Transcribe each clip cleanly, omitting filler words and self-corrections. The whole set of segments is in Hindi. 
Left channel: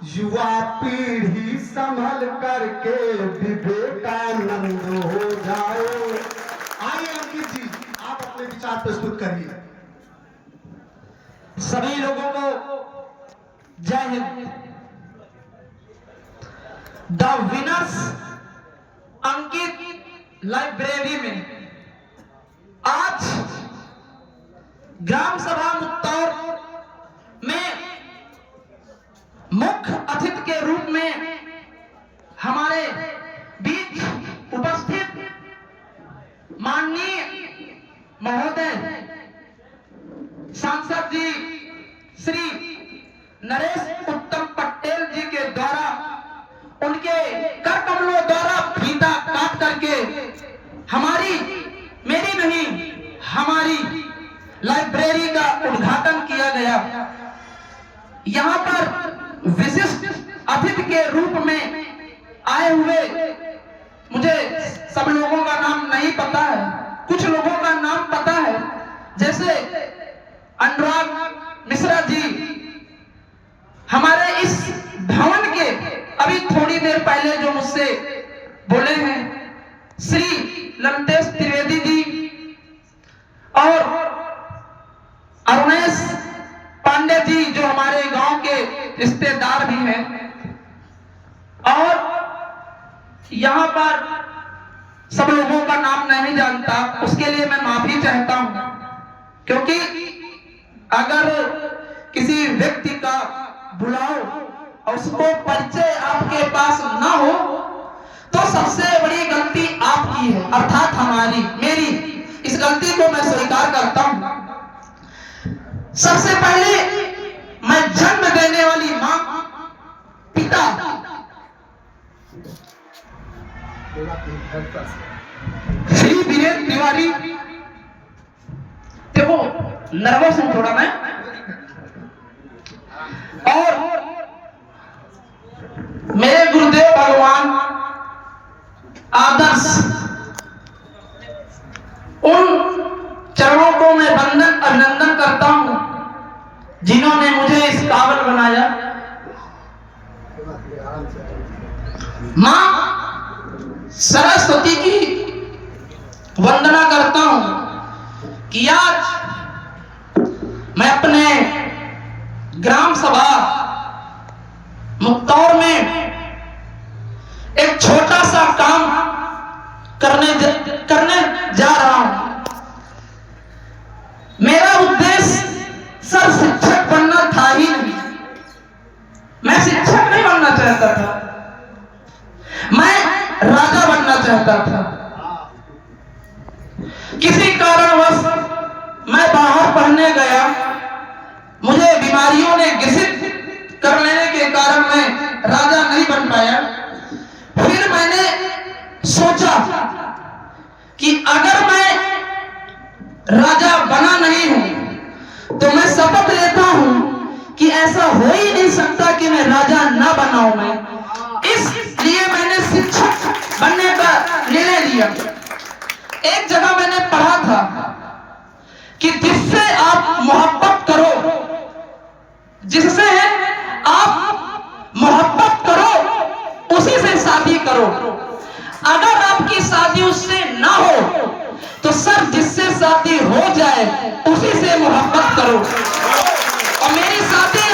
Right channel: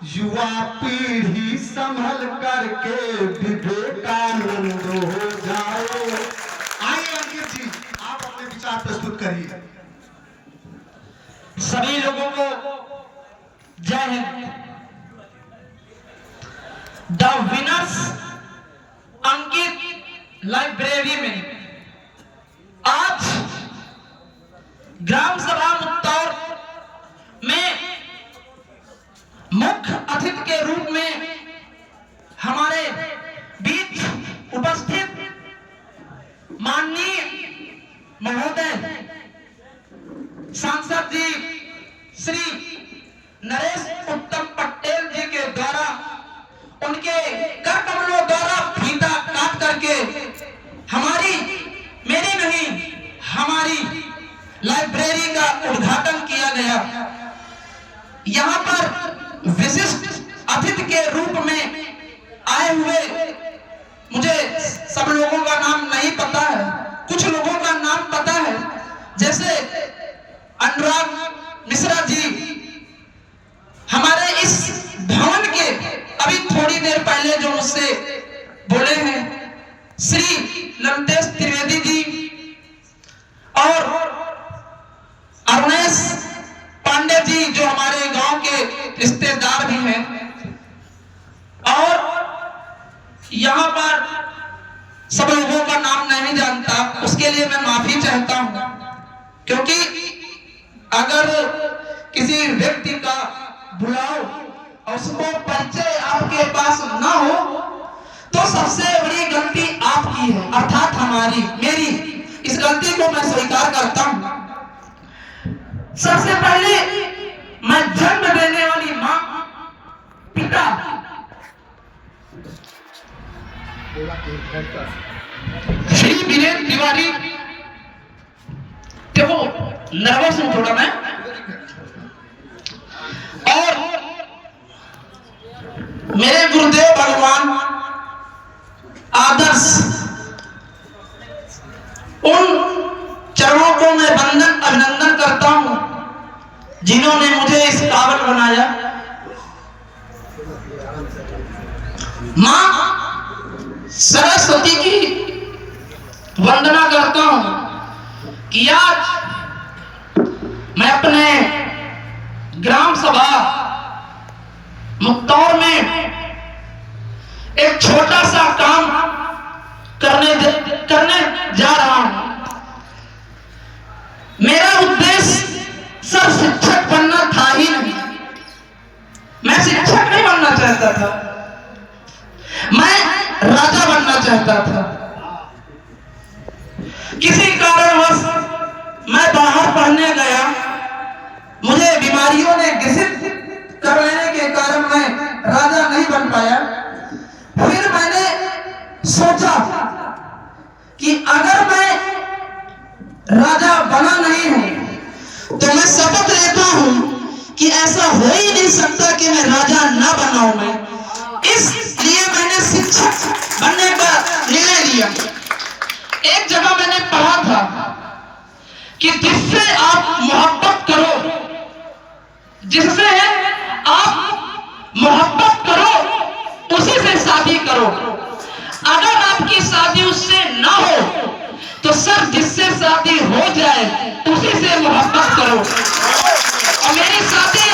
युवा पीढ़ी संभल करके विवेकानंद हो जाओ। आइए अंकित जी, आप अपने विचार प्रस्तुत करिए। सभी लोगों को जय Hind. The winners Ankit library में आज ग्राम सभा मुक्तौर में मुख्य अतिथि के रूप में हमारे बीच उपस्थित माननीय महोदय सांसद जी श्री नरेश उत्तम पटेल जी के द्वारा उनके कर कमलों द्वारा फीता काट करके मेरी नहीं हमारी लाइब्रेरी का उद्घाटन किया गया। यहाँ पर विशिष्ट अतिथि के रूप में आए हुए, मुझे सब लोगों का नाम नहीं पता है, कुछ लोगों का नाम पता है, जैसे अनुराग मिश्रा जी हमारे इस भवन के अभी थोड़ी देर पहले जो मुझसे बोले हैं, श्री लमतेश त्रिवेदी जी और अरुणेश पांडे जी जो हमारे गांव के रिश्तेदार भी हैं, और यहाँ पर सब लोगों का नाम नहीं जानता, उसके लिए मैं माफी चाहता हूं, क्योंकि अगर किसी व्यक्ति का बुलाओ और उसको परिचय आपके पास ना हो तो सबसे बड़ी गलती आपकी है, अर्थात हमारी, मेरी। इस गलती को मैं स्वीकार करता हूं। सबसे पहले मैं जन्म देने वाली मां, पिता, श्री वीरेंद्र तिवारी, देखो नर्वस हूं थोड़ा मैं, और मेरे गुरुदेव भगवान आदर्श, उन चरणों को मैं वंदन अभिनंदन करता हूं जिन्होंने मुझे इस काबिल बनाया। मां सरस्वती की वंदना करता हूं कि आज मैं अपने ग्राम सभा मुक्तौर में एक छोटा सा काम करने जा रहा हूं। मेरा उद्देश्य सब शिक्षक बनना था ही नहीं, मैं शिक्षक नहीं बनना चाहता था, मैं राजा बनना चाहता था। किसी कारणवश मैं बाहर पढ़ने गया, मुझे बीमारियों ने ग्रसित कर लेने के कारण मैं राजा नहीं बन पाया। फिर मैंने सोचा कि अगर मैं राजा बना नहीं हूं तो मैं शपथ लेता हूं कि ऐसा हो ही नहीं सकता कि मैं राजा ना बनाऊं। इसलिए मैंने शिक्षक बनने का निर्णय लिया। एक जगह मैंने पढ़ा था कि जिससे आप मोहब्बत करो, जिससे आप मोहब्बत करो उसी से शादी करो। अगर आपकी शादी उससे ना हो तो सर जिससे शादी हो जाए उसी से मोहब्बत करो। और मेरी शादी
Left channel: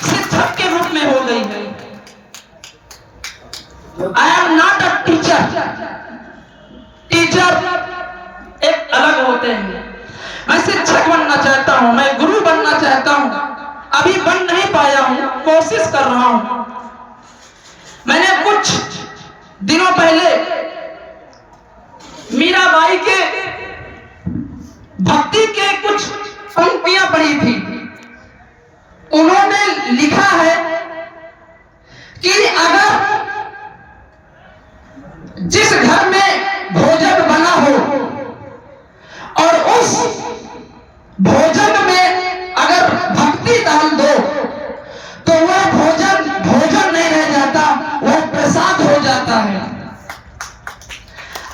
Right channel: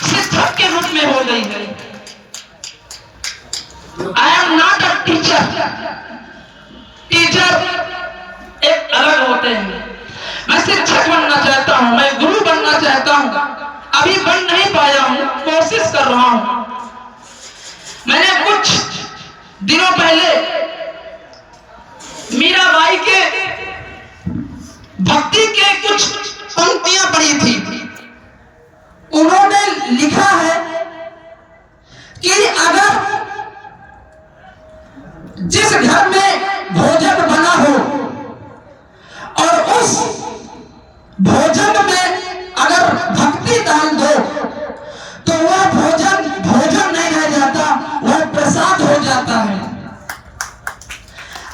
शिक्षक के रूप में हो गई है। I am not a teacher, teacher एक अलग होते हैं। मैं शिक्षक बनना चाहता हूं, मैं गुरु बनना चाहता हूं, अभी बन नहीं पाया हूं, कोशिश कर रहा हूं। मैंने कुछ दिनों पहले मीराबाई के भक्ति के कुछ पंक्तियां पढ़ी थी। उन्होंने लिखा है कि अगर जिस घर में भोजन बना हो और उस भोजन में अगर भक्ति डाल दो तो वह भोजन भोजन नहीं रह जाता, वह प्रसाद हो जाता है।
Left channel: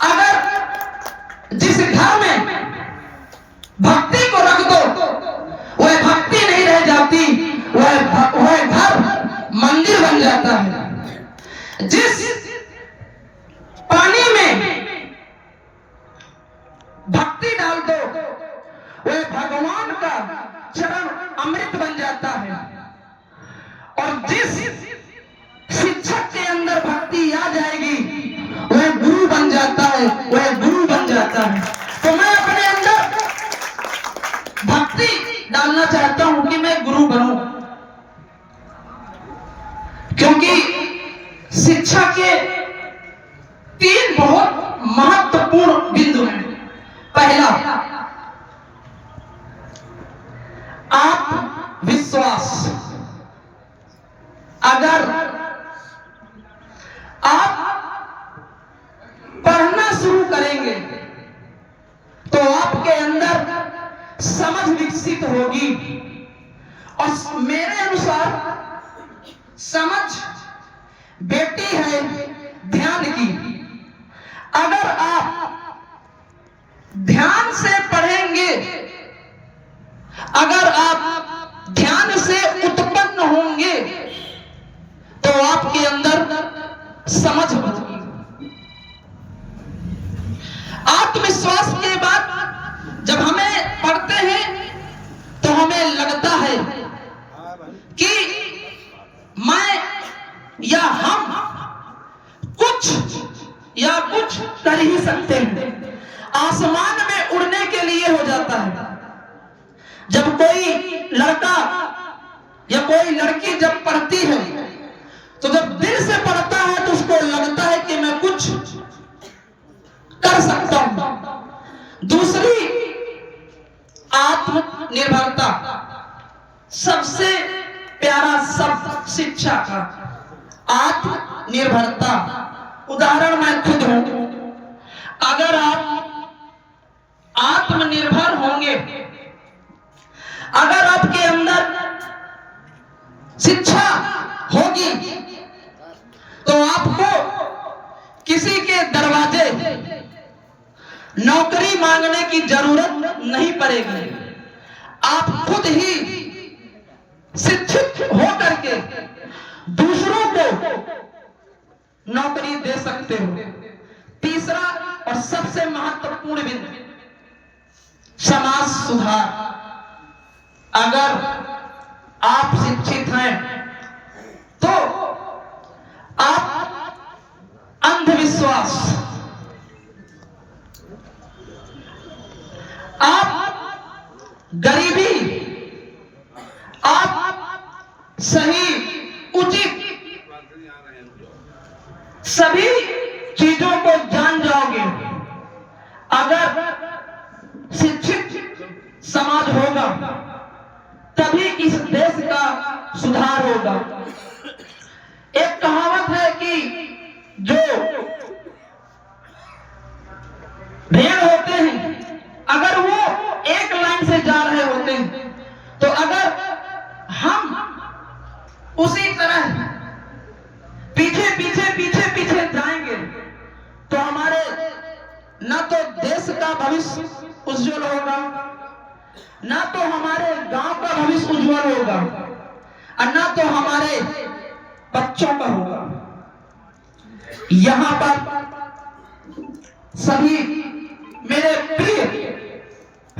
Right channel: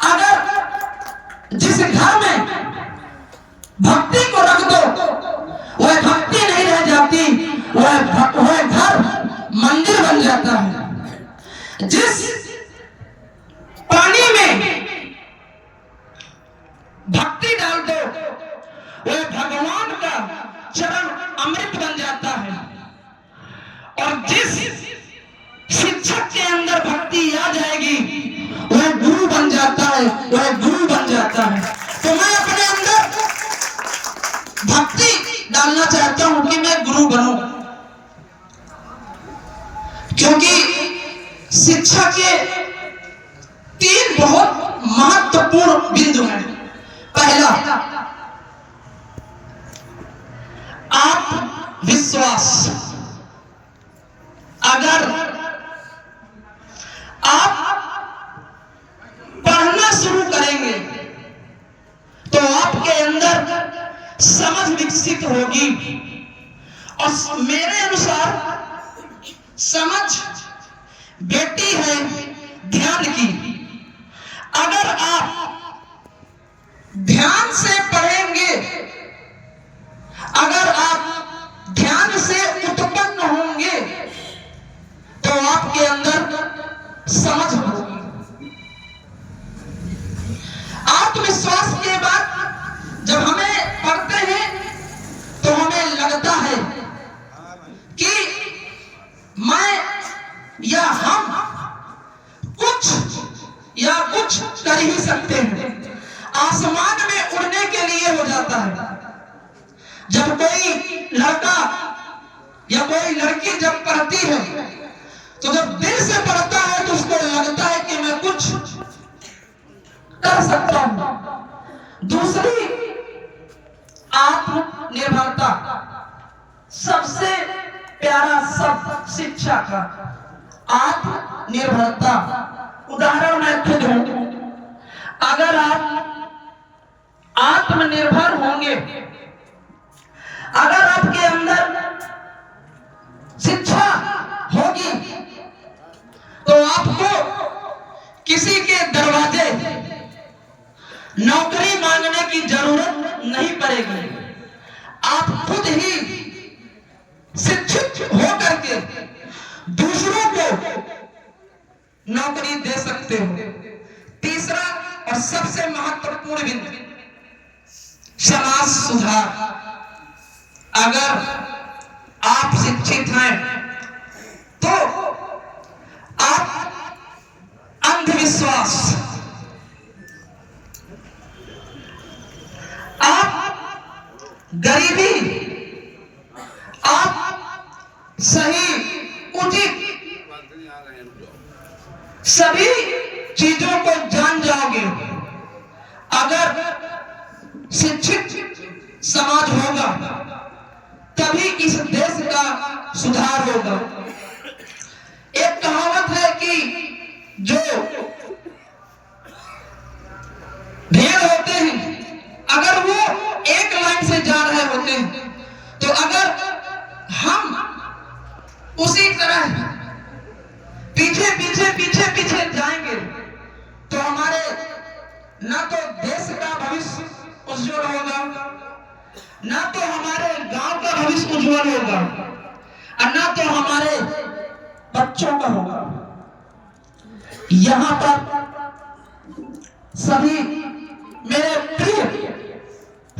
अगर जिस घर में भक्ति को रख दो वह भक्ति नहीं रह जाती, वह घर मंदिर बन जाता है। जिस पानी में भक्ति डाल दो वह भगवान का चरण अमृत बन जाता है, और जिस शिक्षक के अंदर भक्ति आ जाएगी वह गुरु बन जाता है, वह गुरु बन जाता है। तो मैं अपने अंदर भक्ति डालना चाहता हूं कि मैं गुरु बनूं, क्योंकि शिक्षा के 3 बहुत महत्वपूर्ण बिंदु हैं। पहला, आत्मविश्वास। अगर आप पढ़ना शुरू करेंगे तो आपके अंदर समझ विकसित होगी, और मेरे अनुसार समझ बेटी है ध्यान की। अगर आप ध्यान से पढ़ेंगे, अगर आप ध्यान से उत्पन्न होंगे तो आपके अंदर समझ होगी। आत्मविश्वास के बाद जब हमें पढ़ते हैं तो हमें लगता है कि मैं या हम कुछ कर ही सकते हैं। आसमान में उड़ने के लिए हो जाता है। जब कोई लड़का या कोई लड़की जब पढ़ती है तो जब दिल से पढ़ता है तो उसको लगता है कि मैं कुछ कर सकता हूं। दूसरी, आत्मनिर्भरता। सबसे प्यारा शब्द शिक्षा का आत्मनिर्भरता। उदाहरण मैं खुद हूं। अगर आप आत्मनिर्भर होंगे, अगर आपके अंदर शिक्षा होगी तो आपको किसी के दरवाजे नौकरी मांगने की जरूरत नहीं पड़ेगी। आप खुद ही शिक्षित होकर के दूसरों को नौकरी दे सकते हो। तीसरा और सबसे महत्वपूर्ण बिंदु, समाज सुधार। अगर आप शिक्षित हैं तो आप अंधविश्वास, आप गरीबी, आप सही उचित सभी चीजों को जान जाओगे। अगर शिक्षित समाज होगा तभी इस देश का सुधार होगा। एक कहावत है कि जो भेड़ होते हैं अगर वो एक लाइन से जा रहे होते हैं तो अगर हम उसी तरह पीछे पीछे पीछे पीछे जाएंगे तो हमारे न तो देश का भविष्य उज्जवल होगा, ना तो हमारे गांव का भविष्य उज्जवल होगा, और ना तो हमारे बच्चों का होगा। यहाँ पर सभी मेरे प्रिय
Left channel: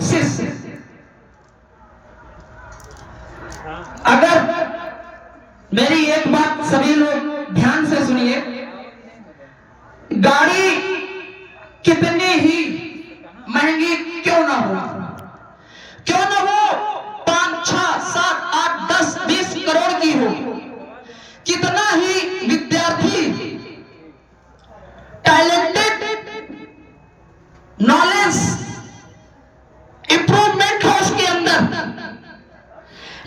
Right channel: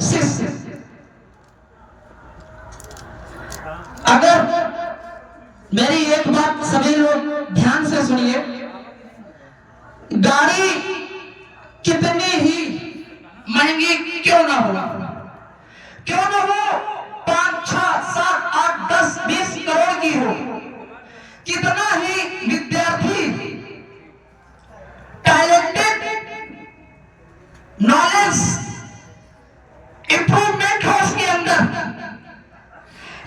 शिष्य, अगर मेरी एक बात सभी लोग ध्यान से सुनिए। गाड़ी कितनी ही महंगी क्यों ना हो, क्यों ना हो 5, 6, 7, 8, 10, 20 करोड़ की हो, कितना ही विद्यार्थी टैलेंटेड, नॉलेज इंप्रूवमेंट हो उसके अंदर,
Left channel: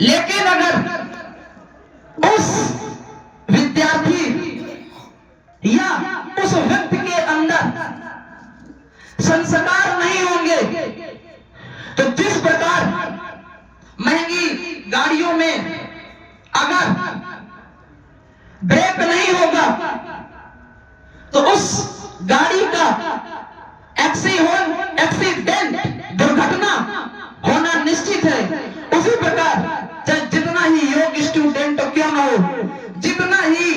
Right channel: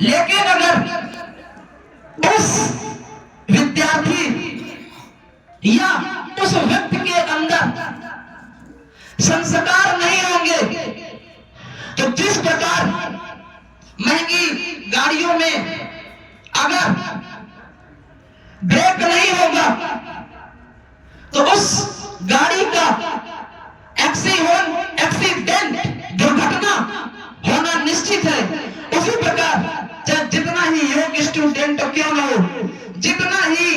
लेकिन अगर उस विद्यार्थी या उस व्यक्ति के अंदर संस्कार नहीं होंगे तो जिस प्रकार महंगी गाड़ियों में अगर ब्रेक नहीं होगा तो उस गाड़ी का एक्सीडेंट, दुर्घटना होना निश्चित है। उसी प्रकार चाहे जितना ही योग स्टूडेंट क्यों ना हो, जितना ही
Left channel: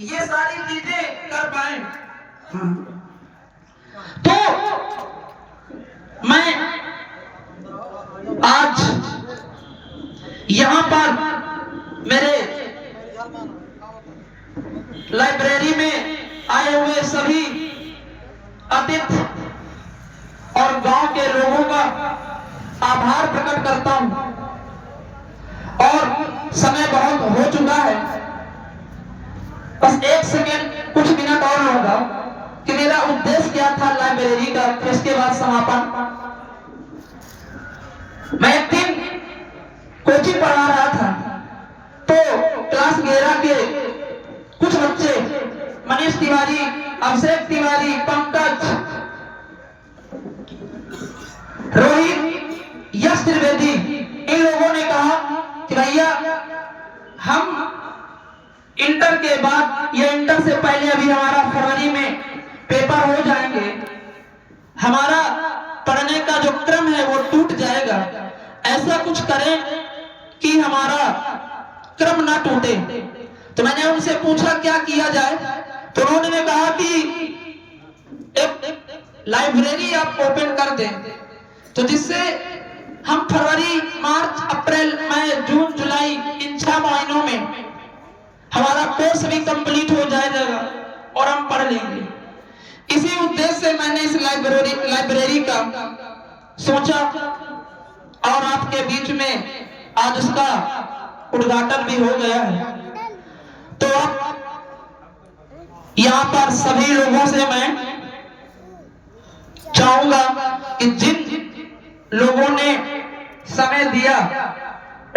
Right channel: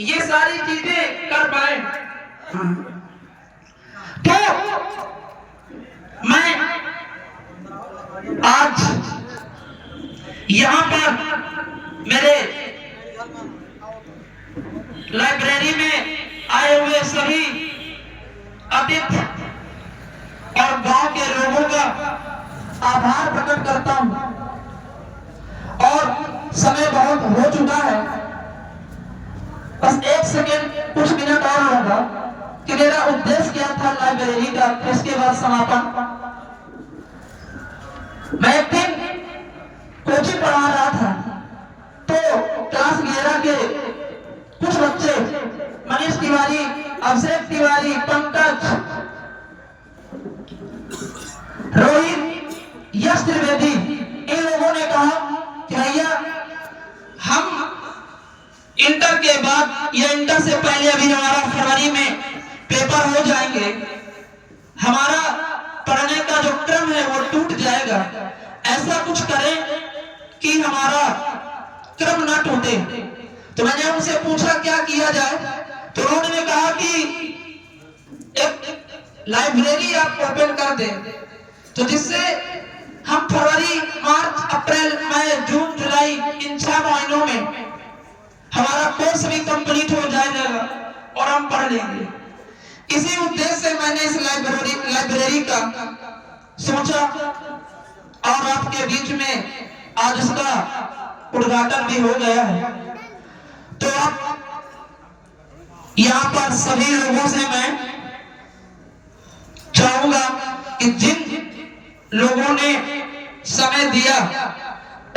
ये सारी चीजें कर पाए। तो मैं आज यहाँ पर मेरे लाइब्रेरी में आए हुए सभी अतिथि और गांव के लोगों का आभार प्रकट करता हूं। और समय बहुत हो चुका है, बस 1 सेकेंड कुछ मिनट और होगा कि मेरा उद्देश्य क्या था लाइब्रेरी का, इसके बाद समापन। मैं एक दिन कोचिंग पढ़ा रहा था, तो क्लास 11 के कुछ बच्चे मनीष तिवारी, अभिषेक तिवारी, पंकज, रोहित, यश त्रिवेदी, इन लोगों ने कहा कि भैया हम इंटर के बाद या इंटर से पहले अभी हमारा फरवरी में पेपर हो जाएंगे, हमारा पढ़ने का जो क्रम है वो टूट जाएगा, ऐसा कुछ करें कि हमारा क्रम ना टूटे। तो मैंने उनसे पूछा क्या किया जाए, तो उन्होंने कहा कि एक लाइब्रेरी आप ओपन कर दें, तो जिससे हम फरवरी, मार्च, अप्रैल, मई, जून, जुलाई इन 6 महीनों में हमारा कोर्स भी कंप्लीट हो जाएगा और हम पढ़ लेंगे। इसी उद्देश्य से मैंने इस लाइब्रेरी का सोचा और आपके बीच में आज उसका उद्घाटन भी हो गया है। तो यहाँ पर सभी लोगों से मैं चाहूंगा कि जिन लोगों ने समय दिया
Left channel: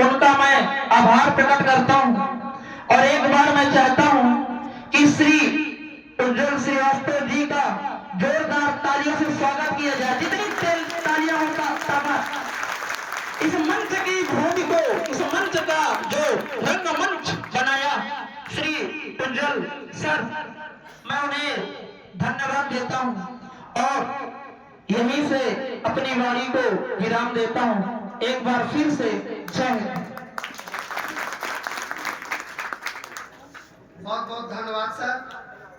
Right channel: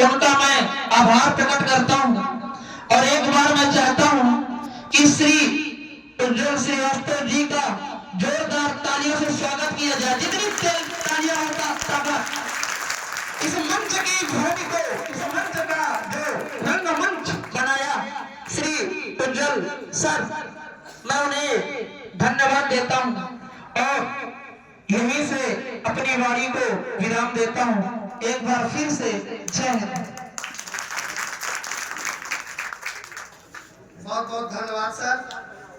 उनका मैं आभार प्रकट करता हूं। और एक बार मैं चाहता हूं कि श्री उज्जवल श्रीवास्तव जी का जोरदार तालियों से स्वागत किया जाए। जितनी तालियां होता इस मंच की भूमि को, इस मंच का जो रंगमंच बनाया श्री उज्जवल सर, मैं उन्हें धन्यवाद देता हूं और यहीं से अपनी वाणी को विराम देता हूं। एक बार फिर से जय हिंद। बहुत बहुत धन्यवाद सर।